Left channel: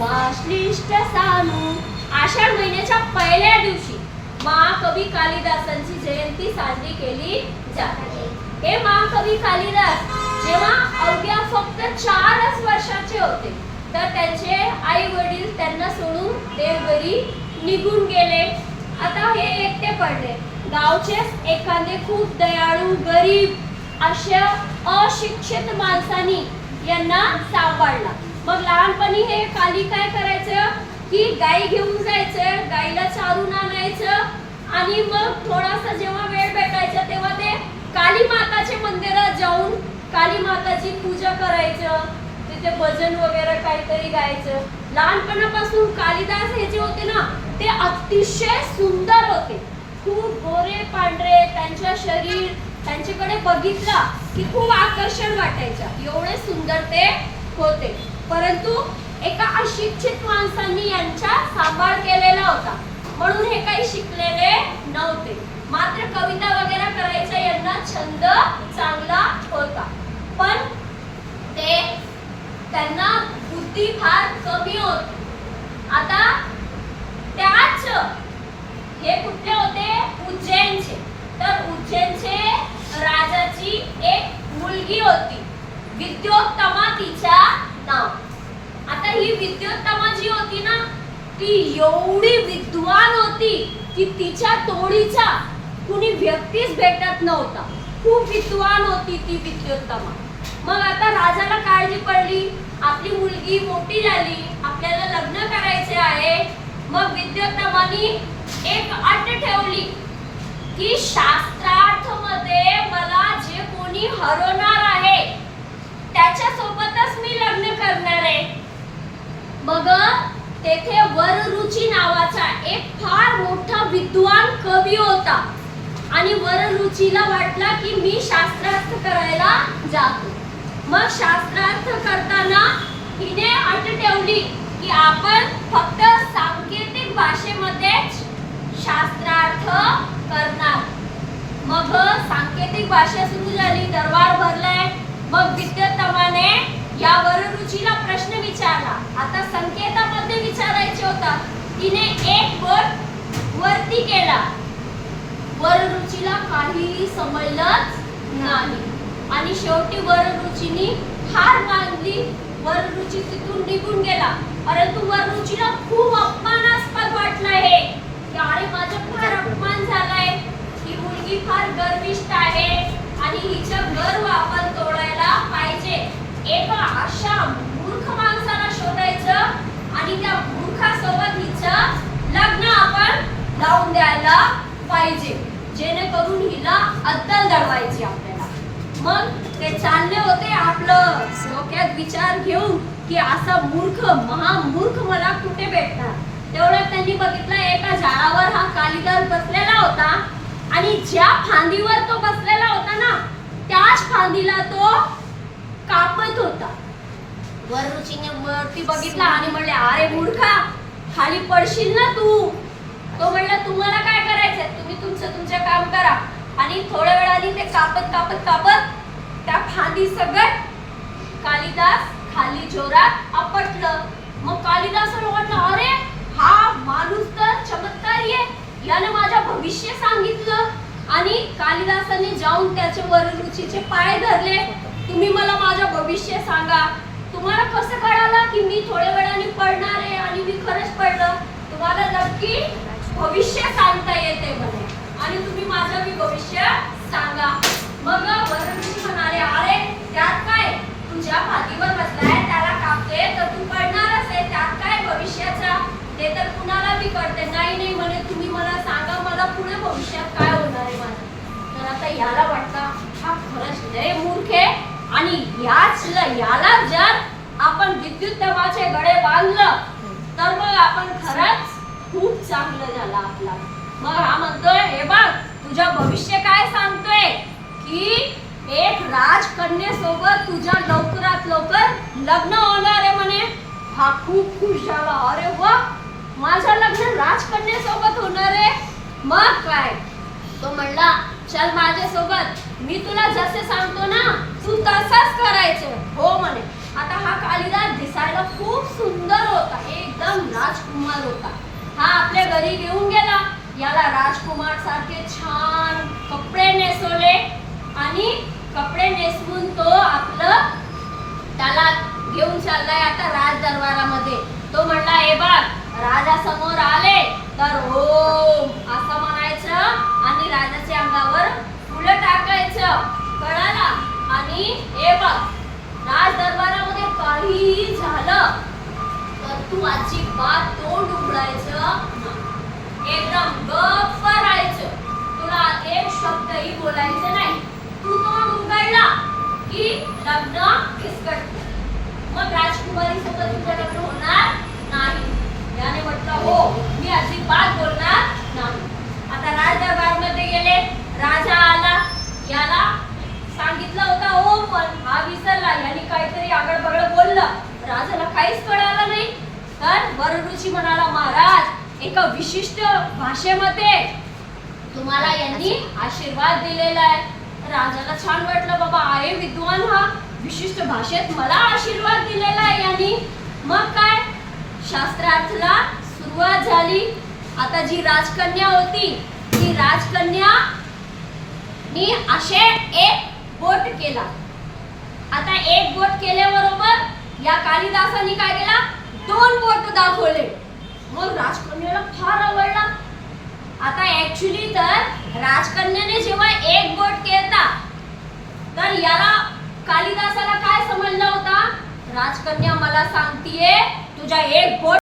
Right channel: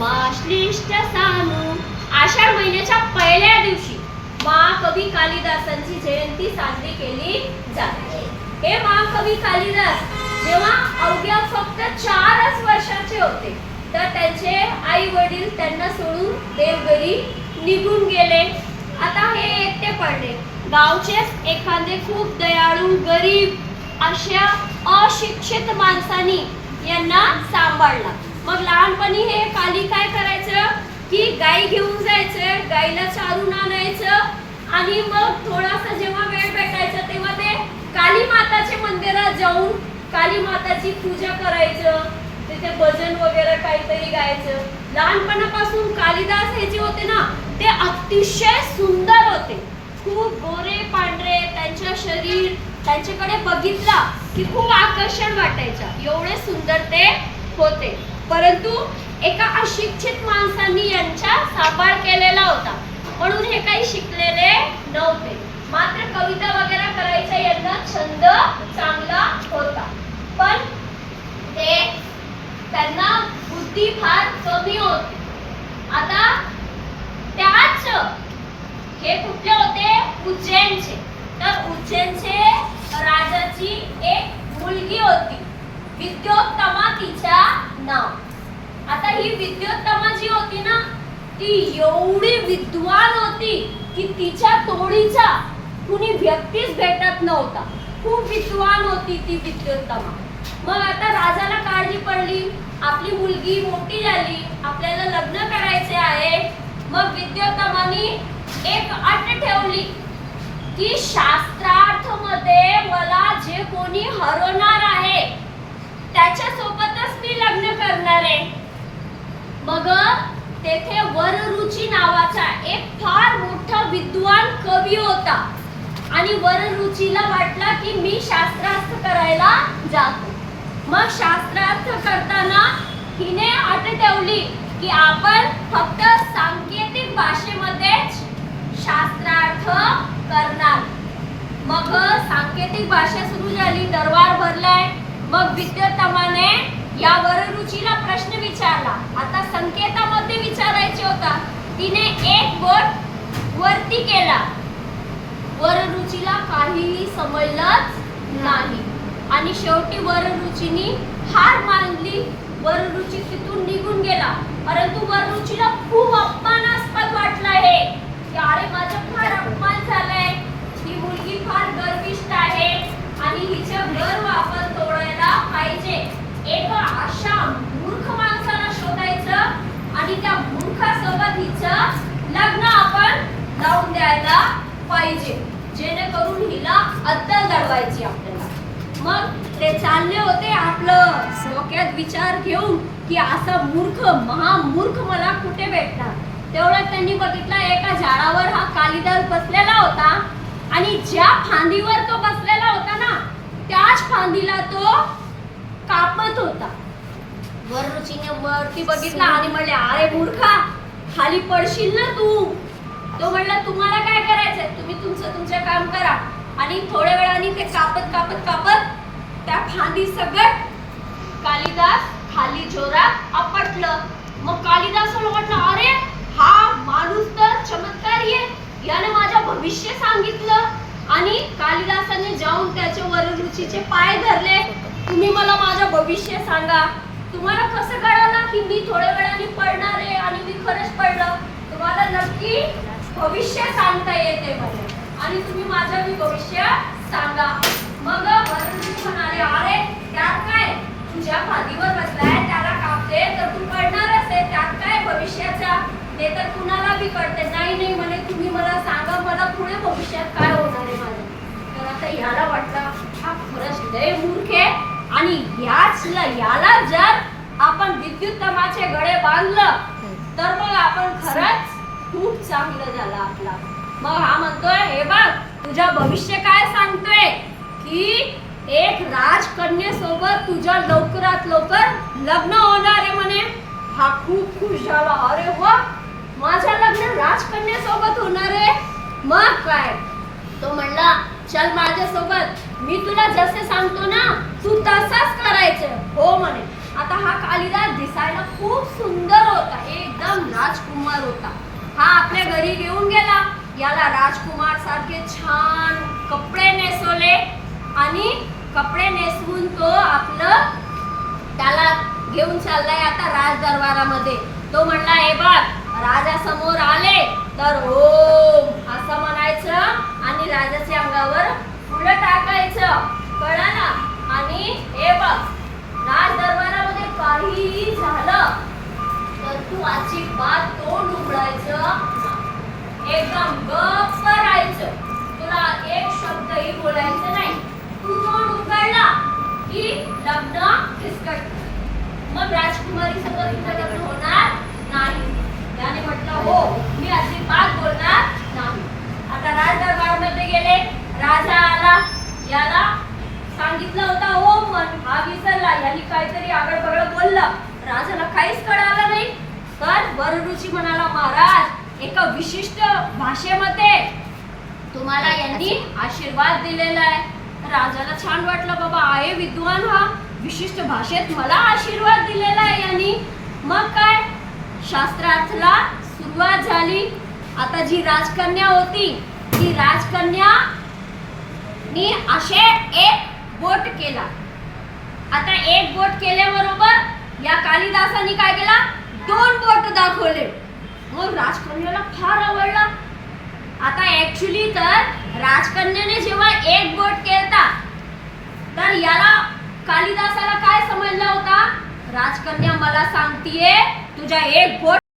समाश्लिष्ट सानू आषाढ महिन्याच्या पहिल्या दिवशी महाकवी कालिदासांची जयंती साजरी केली जाते. हे महाकवी कालिदास जेव्हा अवघ्या फक्त 4च वर्षाचे होते तर त्यांचे आई वडील त्यांना सोडून देवघरी निघून गेले. आता हे एकटे पडले. गावचेच एखादे खूप दयाळू गरीब अशा अशिक्षित माणसानी यांना सांभाळला. मग लहानपणी हे काली काय करायचं की गाई घेऊन जायचं, गाईला चारून आणायचं आणि मग थोडासा जेव्हा वेळ भेटायचा तेव्हा ते काली माताच्या मंदिरात जाऊन काली माताची पूजा करायचं, तिथे भजन वगैरे काहीतरी गायचं. लहानपणापासून कालिदास हे जे होते ना ते अतिशय सुंदर होते, खूप गोरे पांढरे त्यांचे शरीर, त्यांच्याकडे बघितला की खूप आकर्षण वाटायचं, एवढे सुंदर ते होते. परंतु एका अशिक्षित माणसांनी यांचा सांभाळ केलेला होता म्हणून हे काही शिकलेले नव्हते. मात्र कविता वगैरे करायचा यांना छंद चांगला होता, पण त्यांना बुद्धी फार कमी होती. आता त्याच हे कुठले होते? उज्जैनचे. तर उज्जैनचे राजाची एक मुलगी होती, विद्योत्तमा तिचा नाव. आता ही विद्योत्तमा जी होती ना ती एवढी विद्वान होती की तिच्या तोडीचा कुणी व्यक्तीच भेटत नव्हता. खूप विद्वान होती ती विद्योत्तमा. मग आता राजाला काळजी पडली, आपली मुलगी मोठी झाली, आपल्याला लग्न करायचे आहे. मग विद्योत्तमानी एक अट ठेवली की शास्त्रार्थ मध्ये मला जे कोणी हरवणार आहे त्याच्या सोबतच मी लग्न करणार आहे. मग तेथे वररुची नावाचा एक फार मोठा विद्वान कवी होता आणि वररुचीला वाटला की मी शास्त्रार्थ करायला जातो. मग शास्त्रार्थ करताना हिने अट ठेवली की आपण फक्त सांकेतिक भाषेमध्येच शास्त्रार्थ करणार. मग सांकेतिक भाषा सुरू झाली, दरबार भरलाय. मग विद्योत्तमाने या वररुचीला प्रश्न विचारला. आता संकेतामध्ये विचारायचे होता. तिने एक बोट वरती केला. वररुचीला काहीही समजलंच नाही आणि शेवटी वररुचीनी हार मानली. वररुची तिथून निघून गेला. परंतु वररुचीला खूप अपमानास्पद वाटलं हे की अरे माझा फार अपमान झालाय, ही मुलगी फार गर्विष्ठ आहे आणि हिचं गर्व आपण तोडायला पाहिजे. एका अशा मूर्ख माणसाला शोधायचं आणि त्या मूर्खासोबत हिचं लग्न आपण लावून द्यायला पाहिजे, जेणेकरून हिला अद्दल दडवायची आपल्याला. मग ते चालले होते आपलं डोक्यात विचार घेऊन की असा मूर्ख महामूर्ख मला कुठे भेटणार. तेवढ्यात त्यांनी बघितला एका झाडावर हा कालिदास बसलेला होता आणि ज्या फांदीवर तो बसलेला होता ना त्याच फांदीला तो कापत होता. वररुचीने वरती बघितला आणि म्हणले अरे मूर्खा, खाली पडशील ना तू. तो म्हणला तुम्हाला काय करायचंय, तुम्ही तुमचं काम करा. आणि थोड्या वेळाने ते कापत कापत कापत त्या फांदी सगळं कालिदास खाली जोरात आपटलं. मग कालिदासाला वाटलं अरे हा माणूस तर चमत्कारी आहे, याने माझं भविष्य सांगितलं. आणि कालिदासाने जाऊन त्याच्या वररुचीचे पाय धरले. तुम्ही मला माझं भविष्य सांगा. तुम्हाला कसं कळालं की मी थोड्या वेळाने पडणार आहे आणि मी खरंच पडलं? तुम्हाला नक्की भविष्य सांगता येते म्हणे आणि तुम्ही माझं मी भविष्य सांगा. मग वररुची म्हणाले अरे त्यात काय, तू ज्या फांदीवर बसलाय त्याला कापते तर तू पडणारच आहे, त्यात काय भविष्याचा, ते तर कुणाला बी कळते. नाही म्हणे तुम्ही मला सांगा, मला पुढे भविष्यात काय होणार आहे माझं. तर आता याला वाटलं हा खरंच लय मूर्ख आहे आणि याला जर आपण विद्युत्तमाचे गळे बांधलं तर मग आपण खरंच खूप चांगलं झालं आपला. मग हा म्हणतोय हे बघ तुझ्या भविष्य काय सांगतोय की एक राजकन्यासोबत तुझ्या लवकरात लवकर लग्न होणार आहे म्हणे. हा खूप खुश झाला. अरे वा, माझं लग्न राजकन्यासोबत होणार आहे. मग काय, तो म्हणला चल माझ्यासोबत, मी तुला जसे सांगतो ना तू तसंच करायचं. हो म्हणे. आता हा कालिदास दिसायला खूप सुंदर होता, एकदम राजकुमार होता. हा आपल्या घरी घेऊन गेला. याला राजकुमार सारखे छान कपडे नेसवले आणि कपडे नेसवून तो आपलं त्याला घेऊन चाललाय आता राज दरबारामध्ये. तो म्हणला, हे बघ, राजा समोर आले तर ओम असं म्हणायचं आणि राजाच्या अंगावर फुलं टाकायचं, कळलं? आणि हे बघ, राज दरबारामध्ये काहीही झालं तर तू अजिबात तोंड उघडायचं नाही. एकदम गप्प राहायचं. तुला एक शब्दही बोलायचं नाही. तू तोंड उघडला की लग्न खिसकट. मग राजकुमारी सोबत तुझं लग्न होणार नाही. त्याने म्हटलं, हो, मी अजिबात बोलणार नाही. आता राज दरबारमध्ये गेले. राजा आला. याला सांगितलं होतं ओम पण हा विसरला. यांनी काहीतरी आगळ बगळ बोललं. राजाला काहीच कळालं नाही. तर वरऋषी म्हणाला, महाराज, एका विशिष्ट भाषेमध्ये तुम्हाला यांनी आशीर्वाद दिलेला आहे. राजाला छान वाटलं, बाबा आहे विद्वान हा, विशिष्ट भाषेत मला आशीर्वाद दिलेला आहे यांनी. मग काय, शास्त्रार्थला सुरुवात झाली. आता जी राजकन्या होती ती राजकन्या नी असे एक बोट केला. आता एक बोट केल्याबरोबर या कालिदासाने काय केला, 2 बोट दाखवले. मग राजकन्याला फार आवडला. आता ऍक्च्युली तर राजकन्याने जेव्हा एक बोट केला तर याला कालिदासाला काय समजला होता, राजकन्या मला सांगतीये तुझ्या एक बोट